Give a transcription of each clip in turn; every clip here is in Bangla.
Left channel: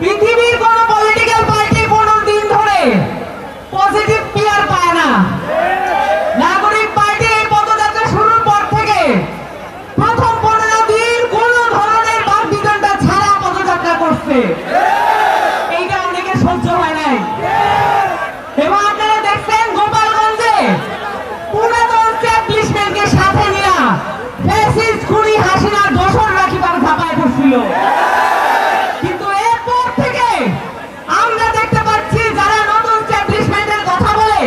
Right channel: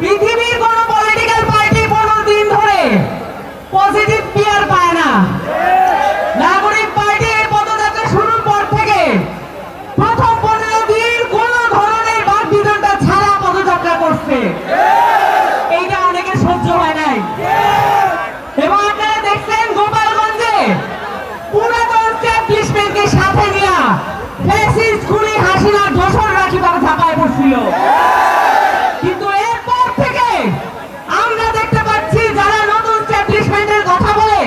পৃথিবীর কোন পলিটিক্যাল পার্টি কোন দিন ধরে পজিটিভ পিয়ার পায় না। নাগরিক পার্টি পদযাত্রা শুরুর পর থেকে প্রথম 15 দিন কোন ধরনের বাকবিতণ্ডা ছাড়া পদযাত্রা করছে। এইটা অনেকে সহ্য হয় নাই। এবং আপনারা দেখছেন গোপালগঞ্জে পুরাতন স্ট্যাবলিশমেন্টকে সাথে নিয়ে ফ্যাসিস্ট খুনি হাসিনার দোসররা কিভাবে ঝাঁপায় পড়ছিল। কিন্তু এরপর থেকে আমরা দেখতে পাচ্ছি যারা নতুন স্ট্যাবলিশমেন্টের কথা বলে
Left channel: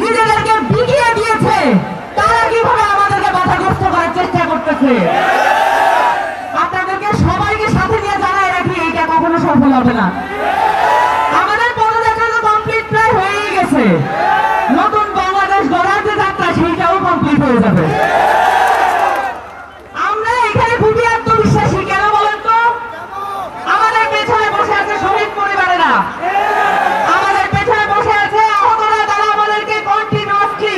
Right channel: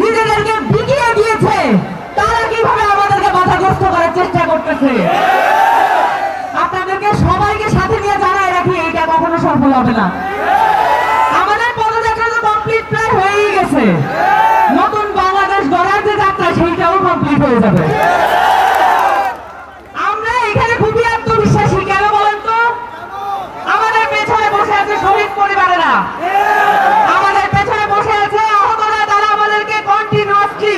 নিজেদেরকে বিকিয়ে দিয়েছে তারা কিভাবে আমাদেরকে বাধাগ্রস্ত করার চেষ্টা করতেছে। আপনাদেরকে সবাইকে সাথে নিয়ে জানাই রাখি এটা কখনো সফল হবে না। আমাদের পদযাত্রা তো কমপ্লিট প্রায় হয়েই গেছে। নতুন বাংলাদেশ গড়ার যে যাত্রা সেইটাও কমপ্লিট হয়ে যাবে। আমরা এখানে খুবই আত্মবিশ্বাসী। কেন বলেন তো? আমাদের পেছনে বসে আছে শহীদ পরিবারেরা, আমাদের পেছনে বসে আছে আহতরা, তারা আমাদেরকে কন্টিনিউয়াসলি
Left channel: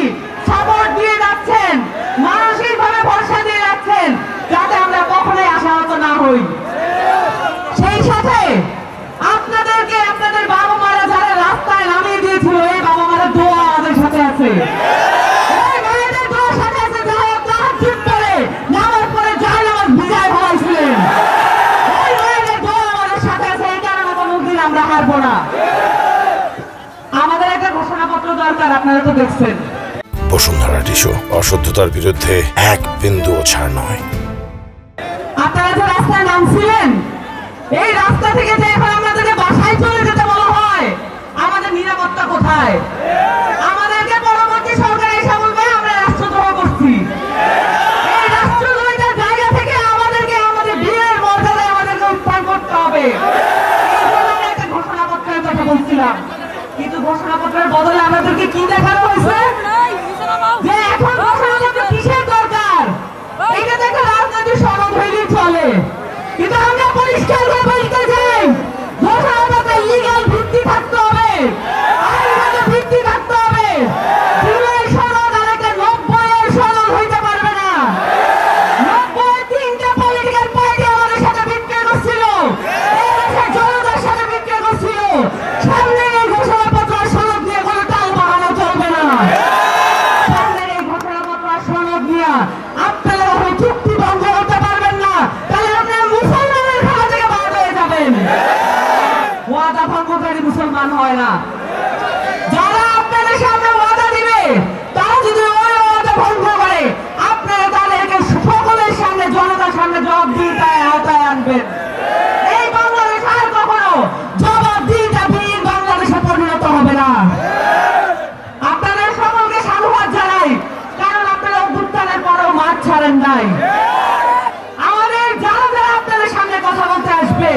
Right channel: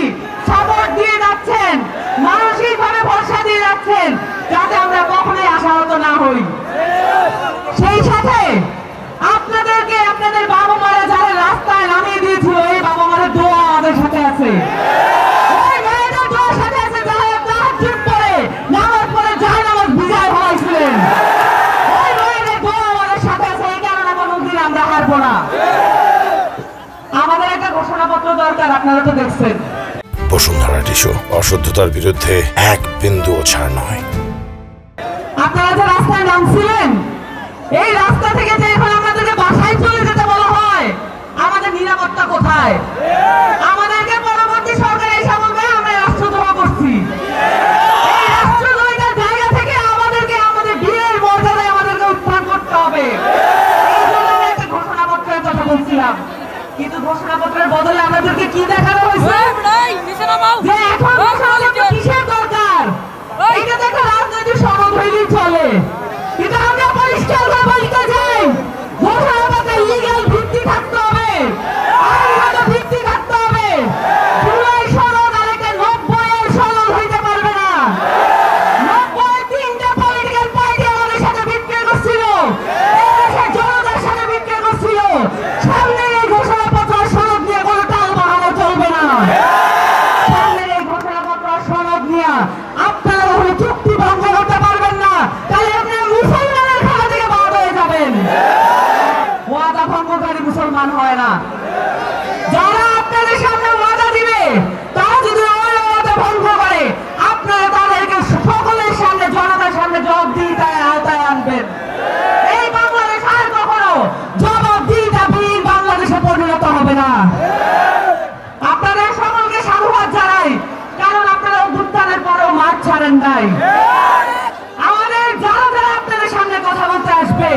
সাপোর্ট দিয়ে যাচ্ছেন, মানসিকভাবে ভরসা দিয়ে যাচ্ছেন যাতে আমরা কখনোই আশাহত না হই। সেই সাথে আপনাদেরকে আপনাদের বাবা মারা যারা রাস্তায় নামিয়ে দিয়েছিল এই বাবা মায়ের দোয়া আমাদের সাথে আছে। ওই ভাইদের দোয়ার সাথে আছে যারা তাহাজ্জুদ পড়ে নামাজ পড়ে জাহান্নামে ভিজায় ফেলাইছিলেন। ওই ভাইদের দোয়া আমাদের সাথে আছে। এই কারণে কোনোদিন আমরা হারবো না। আমাদের একটা ঘোষণাপত্র দরকার, আপনারা তো দেখছেন। বসুন্ধরা টিস্যু অশুদ্ধতার বিরুদ্ধে এক বিন্দুও ছাড় নয়। আপনারা যে রাস্তায় নামছিলেন এই রাস্তা থেকে যে এখন আমাদেরকে বাসায় চলে যেতে বলা হয়, আমাদের নিরাপত্তা কোথায়? আমাদেরকে পরবর্তী সরকার এসে বলবে আমরা রাষ্ট্রদ্রোহ করছি। এই রাষ্ট্রদ্রোহের জায়গা থেকে আমাদেরকে আমাদের বীরের মর্যাদায় আমাদেরকে উত্থান করতে হবে। এই জন্য আমি একটা ঘোষণাপত্রের কথা বলছিলাম। কিন্তু ঘোষণাপত্রের বদলে আমাদেরকে কি দেখানো হয়েছে? যে এখন ঘোষণাপত্র কিসের দরকার? এটা তো একটা রাজনৈতিক সনদ হইলেই চলে। কিন্তু আমরা পরিষ্কার করে বলতে চাই ঘোষণাপত্রে লিগ্যাল ভিত্তি থাকতে হবে, আইনগত ভিত্তি থাকতে হবে। জুলাই সনদ আর একটা 90-এর সনদ হইতে পারবে না। 90-এ 3টা পলিটিক্যাল পার্টি আমাদের সাথে বিক্রয় করছিল, এই দেশের জনতার সাথে বিক্রয় করছিল। সামনে এই ঘোষণাপত্র সনদ নিয়ে কোনো টাল বাহানা চলবে না। সামনে এই ঘোষণাপত্র সনদ নিয়ে আপনারা কোনো চুক্তি ভঙ্গ করতে পারবেন না। তাহলে আপনারা মুসলমানের খেলা থেকে বাদ হয়ে যাবেন। ওয়াদা ভঙ্গকারী মুসলমান হয় না। যারা আপনাদের সামনে ওয়াদা দিবে তারা যদি ওই ওয়াদা ভঙ্গ করে আপনারা তাদেরকে সকলের সামনে জনতার সামনে জবাবদিহিতার আওতায় আনবেন। এই বাংলাদেশ আর কখনো জবাবদিহিতাবিহীন বাংলাদেশে পরিণত হবে না। আপনাদের সকলকে সাধুবাদ জানাই, কারণ আপনারা অভ্যুত্থানের পরেও মাঠ ছাড়েন নাই। আমাদের যারা যারা আপনাদের সামনে কথা বলতে আসবে